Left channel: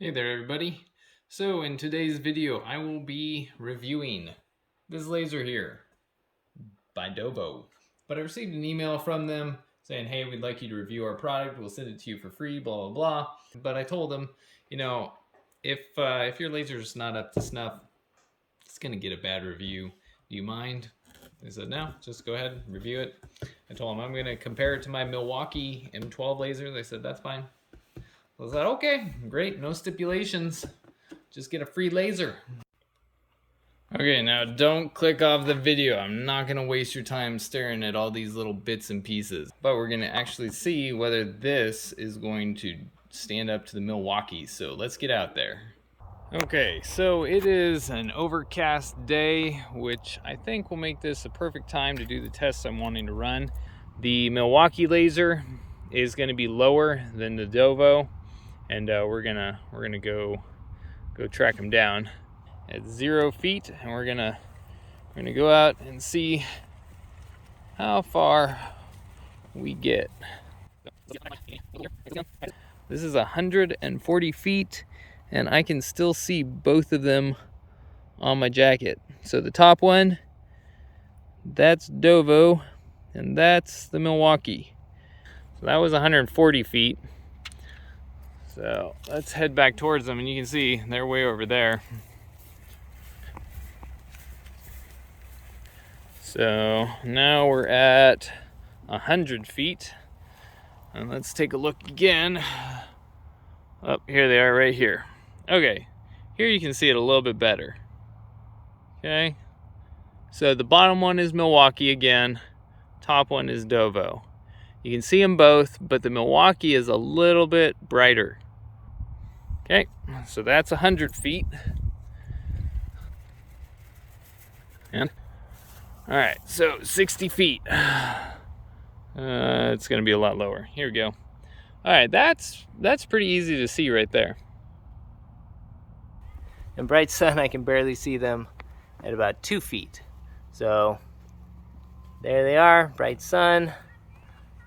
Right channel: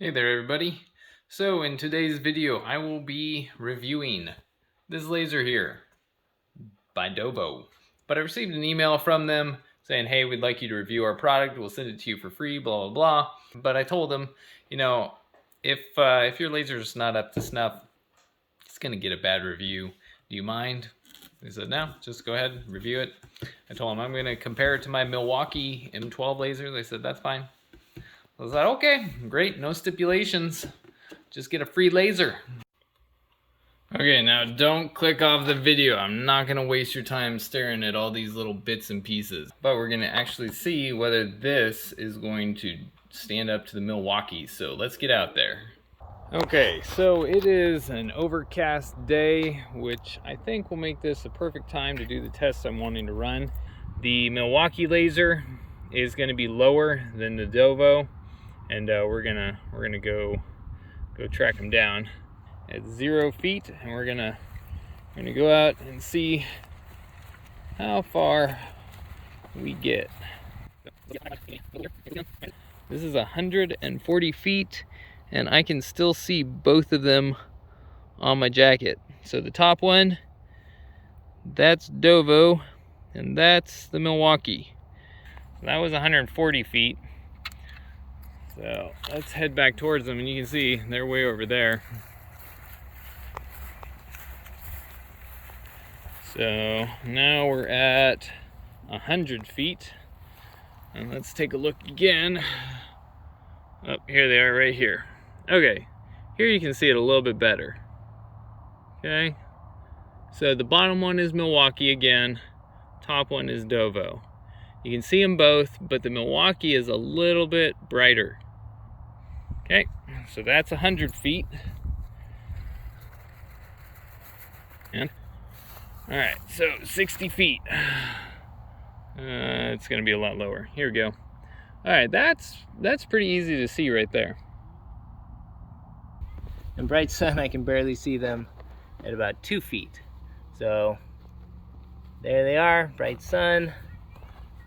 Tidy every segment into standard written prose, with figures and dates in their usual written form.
Hey there everybody. So in today's video I will be reviewing this laser here by Dovo. But I received an email from them saying, hey, we'd like you to review our product, we'll send it to you for free, blah blah blah. But I told them, if your laser's not up to snuff, it's gonna get a bad review. Do you mind? They said, no, just go ahead and review it. I told them I'm gonna compare it to my Milwaukee M12 laser. They said that's fine. I was like, okay, great, no stipulations. Just get a free laser. Okay, now don't click off the video. I'm not gonna waste your time staring at all these little bits and pieces. But we're gonna actually see whether this is going to stand up to the Milwaukee. So let's get out there. Okay, so it is an overcast day, which I think will make this a perfect time to do the tests I'm wanting to run. The Milwaukee laser is gonna be lower than the Dovo, and we're gonna go track him down at 0 feet, and we're gonna go out and see how far we get. This is 140 feet, and I can still see both of them on my jacket. So the top one, that's Dovo, and that's the Milwaukee. So that was 140 feet. So let's head back towards them, and you can see they're way over there. So now we're at 100 feet, and let's take a look again. Oh, here they are right here. Okay, here you can see it a little bit better. Okay, so the bottom one is Milwaukee again, top one is Dovo. You can see them both, but the Milwaukee is a little bit brighter. Okay, so that's 100 feet. And all right, so 60 feet. It's gonna be a lot lower. Here we go. All right, that's pretty easy to see right there. In bright sun, I can barely see them at about 2 feet. So there they are, bright sun.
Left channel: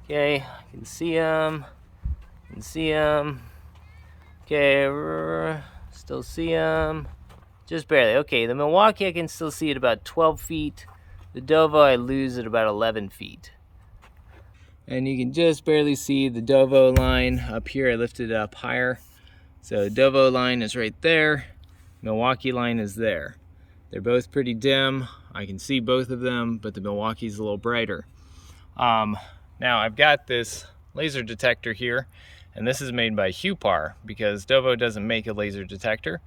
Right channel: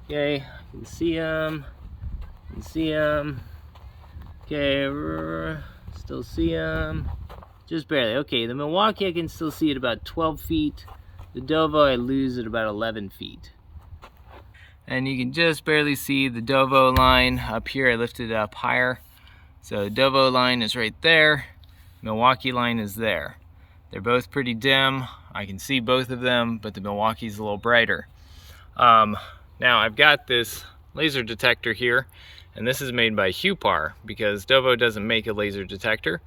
Okay, I can see them. Okay, still see them. Just barely. Okay, the Milwaukee I can still see at about 12 feet. The Dovo I lose at about 11 feet. And you can just barely see the Dovo line up here. I lifted it up higher. So Dovo line is right there. Milwaukee line is there. They're both pretty dim. I can see both of them, but the Milwaukee's a little brighter. Now I've got this laser detector here, and this is made by Hupar because Dovo doesn't make a laser detector,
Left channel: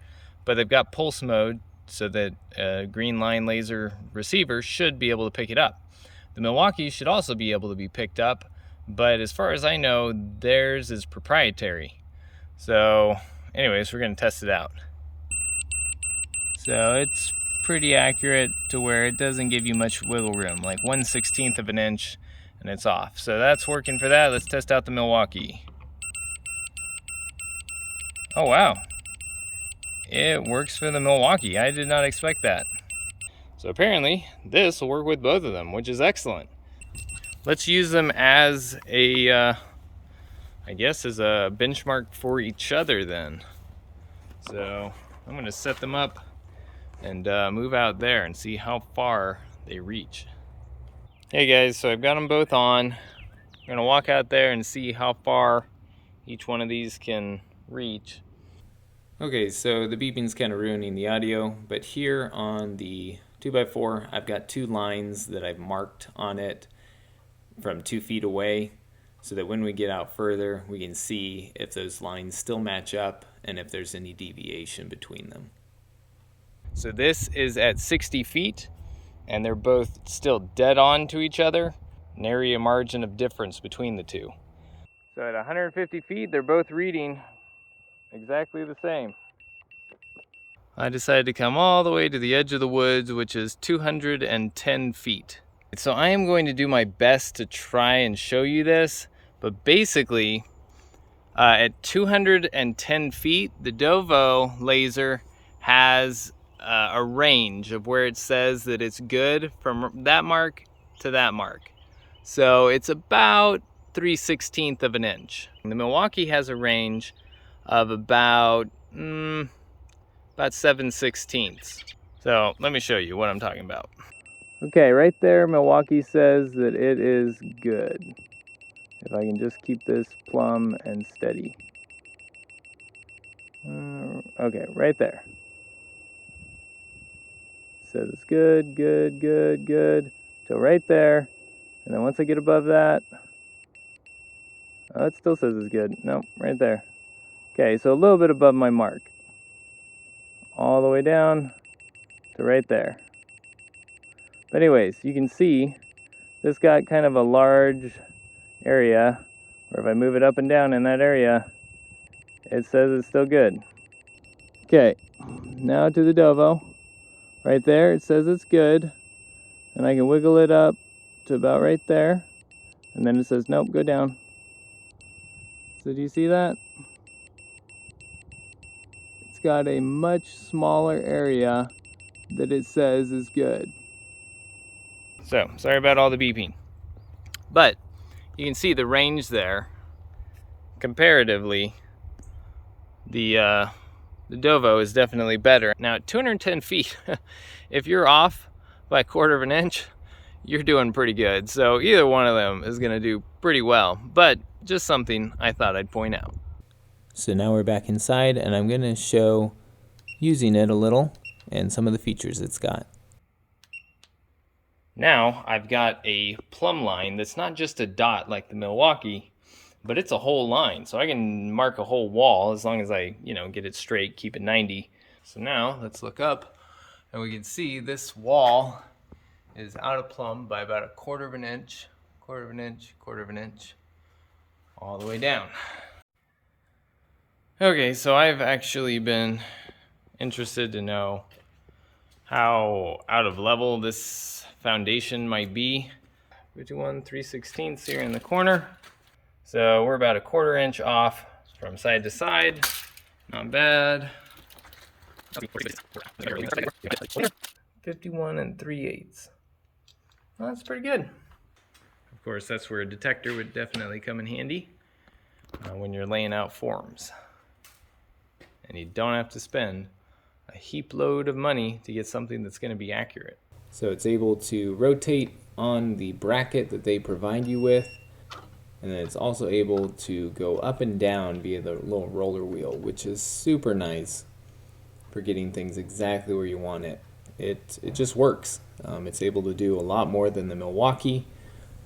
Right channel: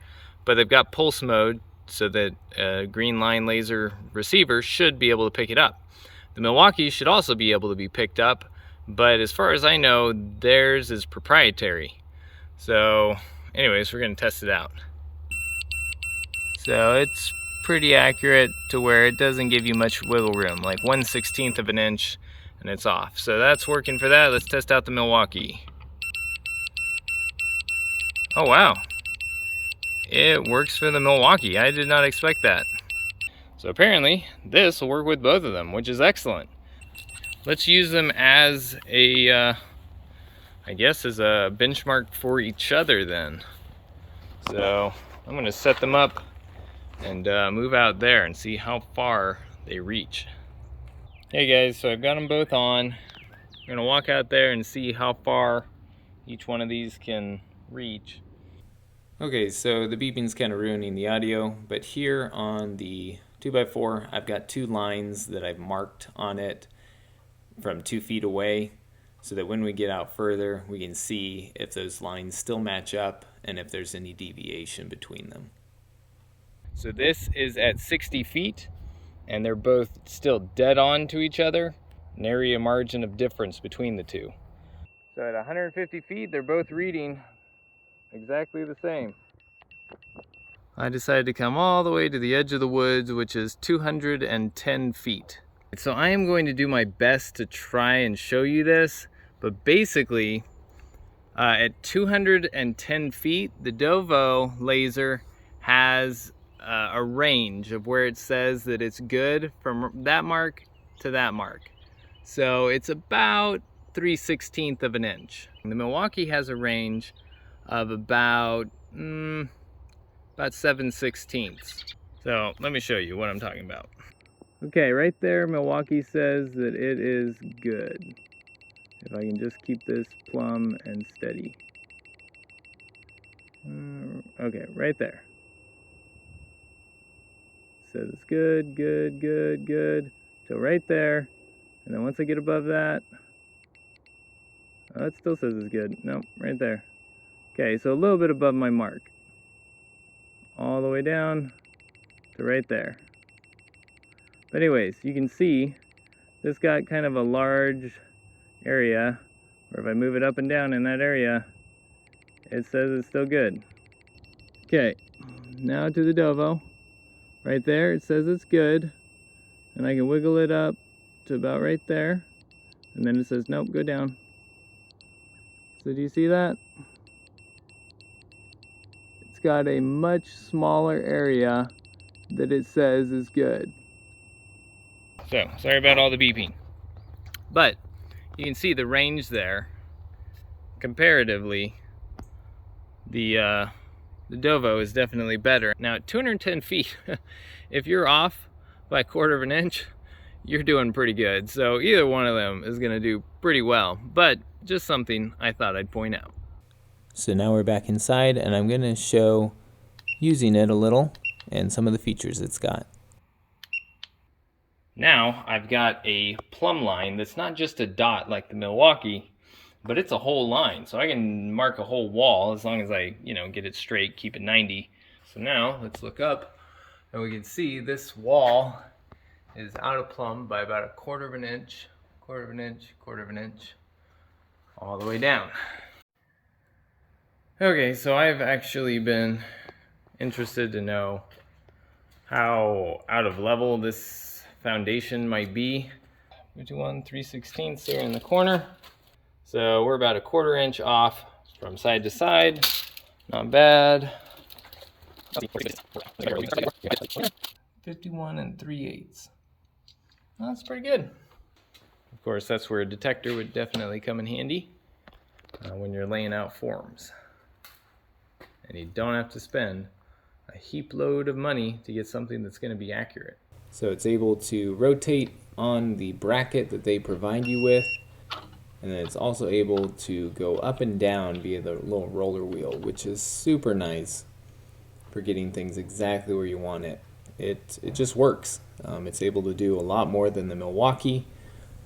but they've got pulse mode so that a green line laser receiver should be able to pick it up. The Milwaukee should also be able to be picked up, but as far as I know, theirs is proprietary. So anyways, we're gonna test it out. So it's pretty accurate to where it doesn't give you much wiggle room, like 1/16 of an inch, and it's off. So that's working for that. Let's test out the Milwaukee. Oh wow, it works for the Milwaukee. I did not expect that. So apparently this will work with both of them, which is excellent. Let's use them as a, I guess as a benchmark for each other then. So I'm gonna set them up and move out there and see how far they reach. Hey guys, so I've got them both on. I'm gonna walk out there and see how far each one of these can reach. Okay, so the beeping's kind of ruining the audio, but here on the 2x4, I've got two lines that I've marked on it from 2 feet away, so that when we get out further, we can see if those lines still match up and if there's any deviation between them. So this is at 60 feet, and they're both still dead on to each other. Nary a margin of difference between the two. So at 150 feet, they're both reading exactly the same. I decided to come all the way to the edge of the woods, which is 210 feet. So I am going to do my best to try and show you this, but basically at 210 feet, the Dovo laser has a range of where it says that it's good from that mark to that mark. So it's about 3/16 of an inch. The Milwaukee has a range of about 7/16. So let me show you what I'm talking about. Okay, right there, Milwaukee says that it is good. If I can just keep this plumb and steady. Okay, right there. Says it's good, good, good, good. Till right there. And then once I get above that, oh, it still says it's good. Nope, right there. Okay, so a little bit above my mark. All the way down to right there. But anyways, you can see this got kind of a large area, where if I move it up and down in that area, it says it's still good. Okay, now to the Dovo. Right there, it says it's good. And I can wiggle it up to about right there. And then it says, nope, go down. So do you see that? It's got a much smaller area that it says is good. So, sorry about all the beeping. But you can see the range there. Comparatively, the Dovo is definitely better. Now at 210 feet, if you're off by a quarter of an inch, you're doing pretty good. So either one of them is gonna do pretty well, but just something I thought I'd point out. So now we're back inside and I'm gonna show using it a little and some of the features it's got. Now I've got a plumb line that's not just a dot like the Milwaukee, but it's a whole line. So I can mark a whole wall as long as I, get it straight, keep it 90. So now let's look up and we can see this wall is out of plumb by about a quarter of an inch, quarter of an inch, quarter of an inch, all the way down. Okay, so I've actually been interested to know how out of level this foundation might be. 51 3/16 here in the corner. So we're about a quarter inch off from side to side. Not bad. 51 3/8. Well, that's pretty good. Of course, that's where a detector would definitely come in handy when you're laying out forms. And you don't have to spend a heap load of money to get something that's going to be accurate. So it's able to rotate on the bracket that they provide you with, and then it's also able to go up and down via the little roller wheel, which is super nice for getting things exactly where you want it. It just works. It's able to do a lot more than the Milwaukee.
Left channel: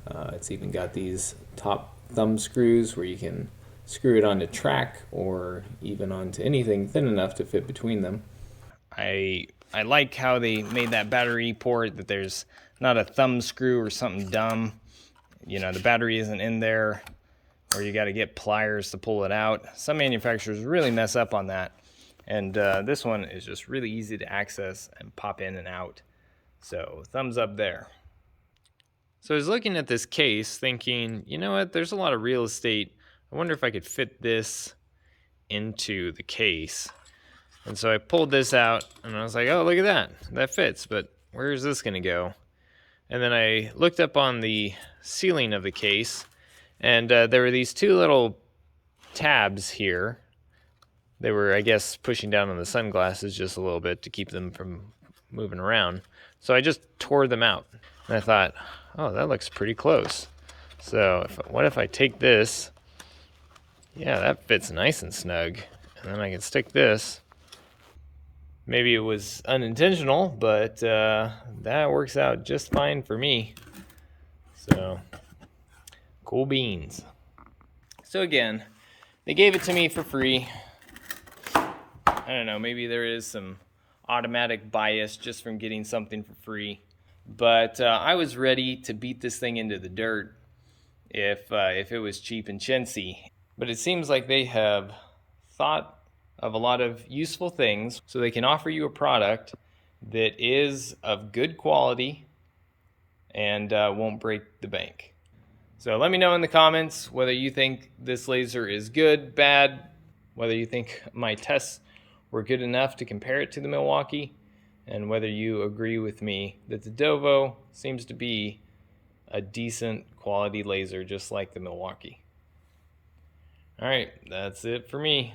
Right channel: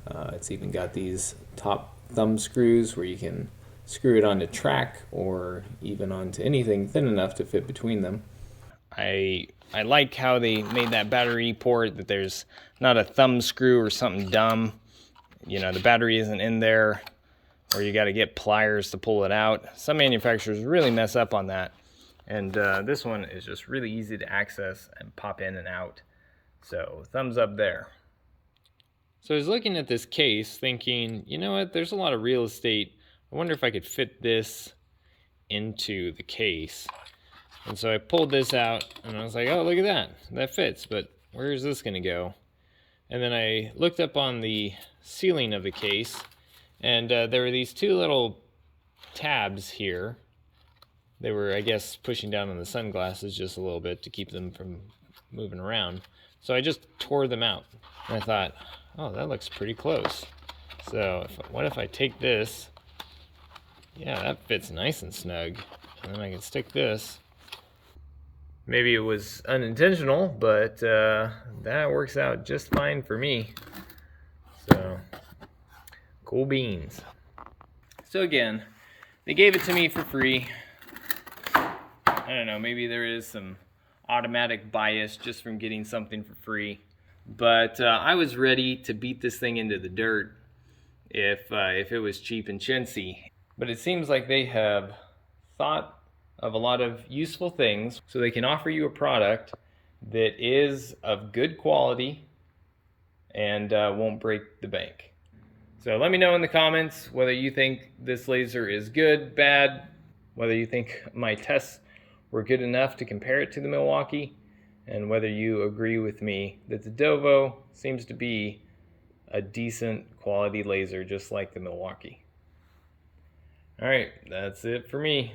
It's even got these top thumb screws where you can screw it onto track or even onto anything thin enough to fit between them. I like how they made that battery port, that there's not a thumb screw or something dumb. The battery isn't in there, or you got to get pliers to pull it out. Some manufacturers really mess up on that. And this one is just really easy to access and pop in and out. So thumbs up there. So I was looking at this case thinking, you know what, there's a lot of real estate. I wonder if I could fit this into the case. And so I pulled this out and I was like, oh, look at that. That fits, but where is this gonna go? And then I looked up on the ceiling of the case and there were these two little tabs here. They were, I guess, pushing down on the sunglasses just a little bit to keep them from moving around. So I just tore them out. And I thought, oh, that looks pretty close. So what if I take this? Yeah, that fits nice and snug. And then I can stick this. Maybe it was unintentional, but that works out just fine for me. So, cool beans. So again, they gave it to me for free. I don't know, maybe there is some automatic bias just from getting something for free. But I was ready to beat this thing into the dirt if it was cheap and chintzy. But it seems like they have thought of a lot of useful things so they can offer you a product that is of good quality and won't break the bank. So let me know in the comments whether you think this laser is good, bad, whether you think my tests were good enough to compare it to the Milwaukee, and whether you agree with me that the Dovo seems to be a decent quality laser just like the Milwaukee. All right, that's it for me.